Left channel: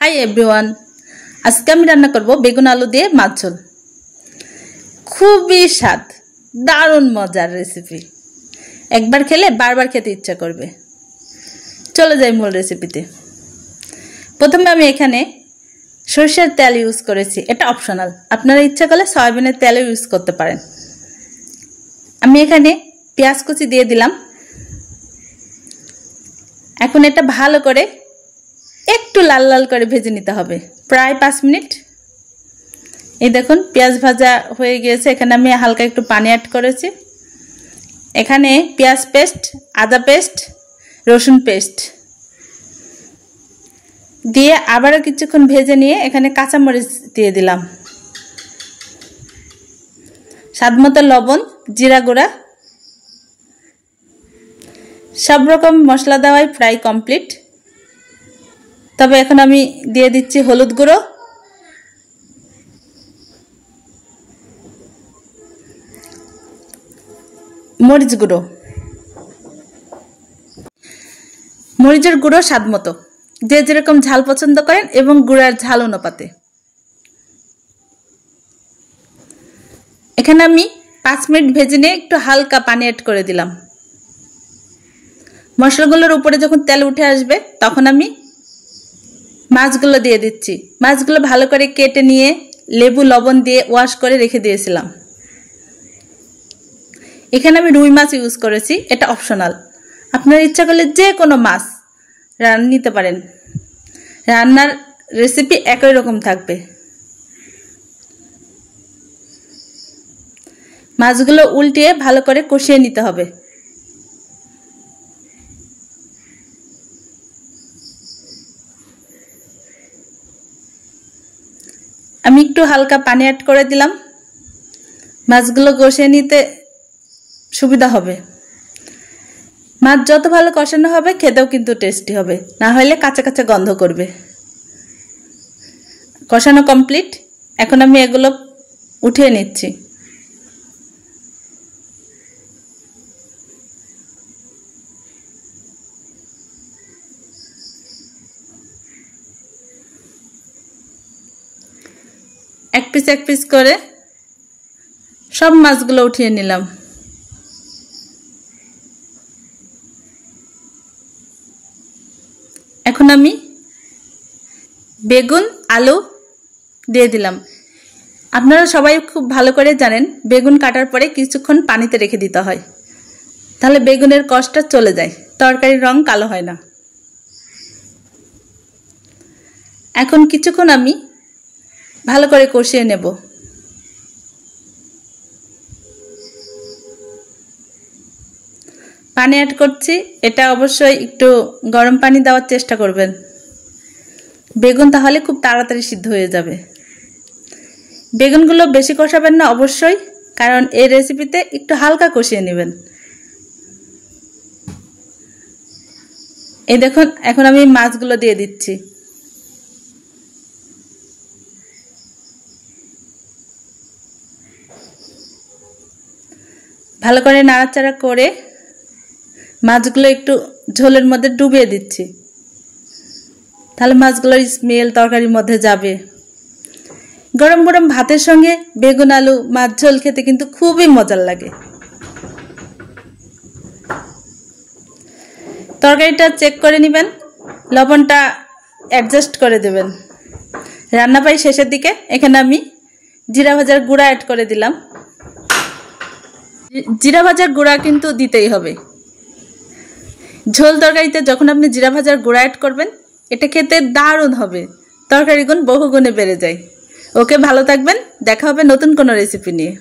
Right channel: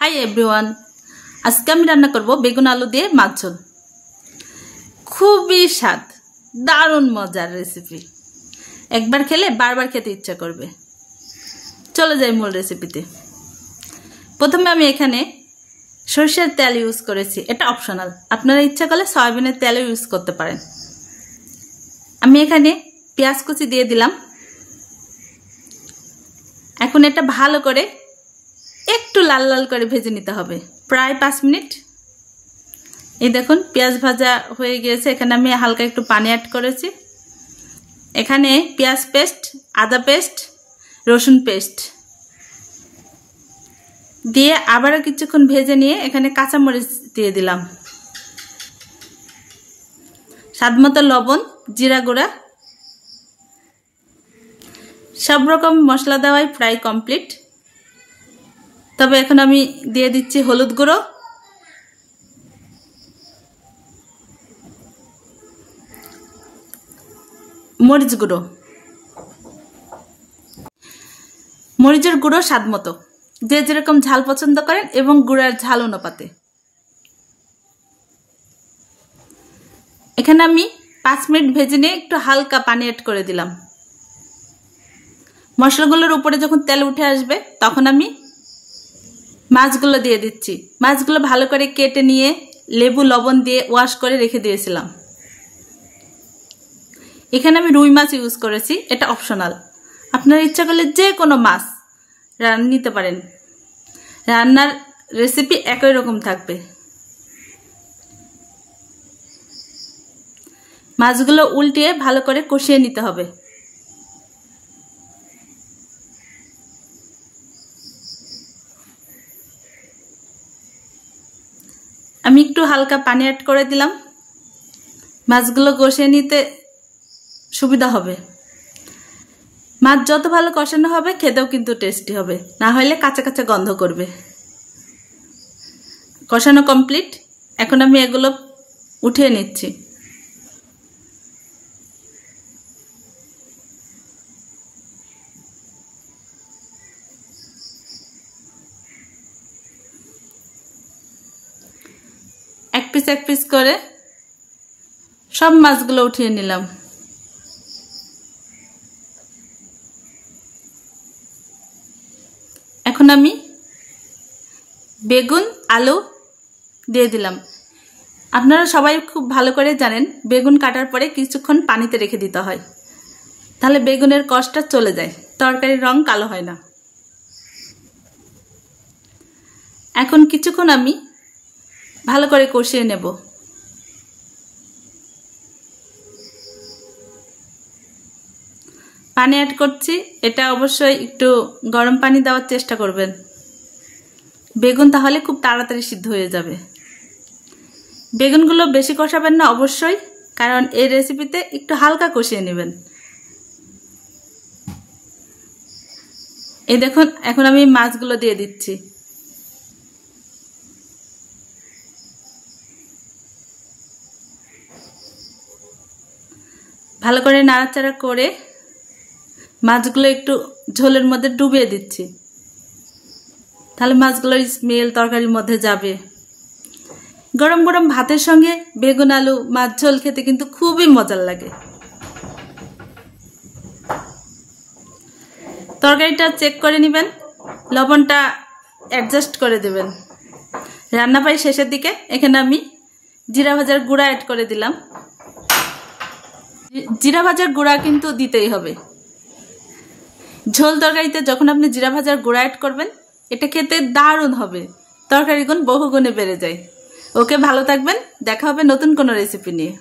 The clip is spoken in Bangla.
हाई एवरीवन आज के रान्ना करब बेगुन आलू दिए माछ झोल। खूबी स्वाद दारुण मजार रेसिपि एक बार खेले बार बार खेते इच्छा करबे। चलो जाई मूल रेसिपिते। प्रथमे आमी एखाने सरिषार तेल यूज करेছি, এটা অপশনাল, আপনারা ইচ্ছা করলে সয়াবিনের তেল ইউজ করতে পারেন। আমি এখানে পেঁয়াজ কুচি দিয়ে দিলাম। এখন এটা ভালো করে একটু লাল লাল করে ভেজে নিতে হবে প্রায় 5 মিনিট। এই দেখুন পেঁয়াজ ভাজা হয়ে গিয়েছে। এখানে আমি হালকা একটু পানি অ্যাড করেছি। এখানে পেঁয়াজ পেস্ট, আদা পেস্ট, রসুন পেস্ট দিয়ে আবারও কিছুক্ষণ ভেজে নিয়ে এখানে কাঁচা মরিচ দিয়ে দিলাম, স্বাদমতো লবণ, জিরা গুঁড়া, সব রকম মশলা দেওয়াই প্রায় কমপ্লিট। তবে এখন আমি দিয়ে দিচ্ছি হলুদ গুঁড়ো, মরিচ গুঁড়ো, মরিচের গুঁড়ো স্বাদমতো, যে যেরকম ঝাল পছন্দ করেন এবং গুঁড়ার ঝাল অনুপাতে। এখানে আমি 5 মিনিট ভেজে নিয়ে একটু হালকা পানি অ্যাড করে দিলাম। মশলাগুলোর উপরে যখন তেল উঠে আসবে তখন আমি মাছগুলো দিয়ে দিচ্ছি। মাছগুলো ভালো করে কেটে নিয়ে লেবু লবণ দিয়ে ওয়াশ করে রেখে দিয়েছিলাম। এখানে আমি রুই মাছ ইউজ করেছি, এটা অপশনাল, আপনার ইচ্ছা করলে যে কোনো মাছ রান্না নিতে পারেন। রান্নার রেসিপি একই রকম থাকবে। মাছগুলো উল্টিয়ে ভালো করে কষিয়ে নিতে হবে। আমি একটু হালকা পানি অ্যাড করে দিলাম, মাছগুলো কষিয়ে নিতে সুবিধা হবে। মাছ যত ভালো কষানো হবে খেতেও কিন্তু টেস্টি হবে, না হলে কাঁচা কাঁচা গন্ধ করবে। কষানো কমপ্লিট। এখন আমি এগুলো উঠিয়ে নিচ্ছি। এক পিস করে সব মাছগুলো উঠিয়ে নিলাম। এখন আমি বেগুন আলু দিয়ে দিলাম। আপনারা সবাই খুব ভালো করে জানেন বেগুন কাটার পরে কিছুক্ষণ পানিতে রেখে দিতে হয়, তাহলে বেগুনের কষটা চলে যায়, তরকারির রং কালো হয় না। এখন কিছুক্ষণ আমি ভালো করে কষিয়ে নেব। পানি অ্যাড করছি, এটা অবশ্যই একটু গরম পানি দেওয়ার চেষ্টা করবেন, বেগুন তাহলে খুব তাড়াতাড়ি সিদ্ধ হয়ে যাবে। বেগুনগুলো বেশি কষাবেন না অবশ্যই, কারণ এই রেসিপিতে একটু হালকা কষিয়ে নেবেন। এই দেখুন এখন আমি মাছগুলো দিয়ে দিচ্ছি। ভালো করে নাড়াচাড়া করে মাছগুলো একটু ঝোলের মধ্যে ডুবিয়ে দিচ্ছি, তাহলে মাছগুলোর স্মেল তরকারির মধ্যে যাবে। গরম গরম ভাতের সঙ্গে বেগুন আলু মাছ ঝোল খেতে কিন্তু খুবই মজার লাগে। তরকারিটা চেক করে নেবেন, লবণটা অ্যাডজাস্ট করে দেবেন। রান্না প্রায় শেষের দিকে। এখানে আমি জিরা ভাজার গুঁড়া অ্যাড করে দিলাম। জিরা ভাজার গুঁড়া কিন্তু দিতেই হবে। ঝোল তরকারিতে যখন আপনি জিরা ভাজার গুঁড়া অ্যাড করবেন এটা খেতে দারুণ হবে, তরকারি গুণ বহুগুণে বেড়ে যায়। ওকে, ভালো থাকবেন, দেখা হবে নতুন কোনো রেসিপি নিয়ে।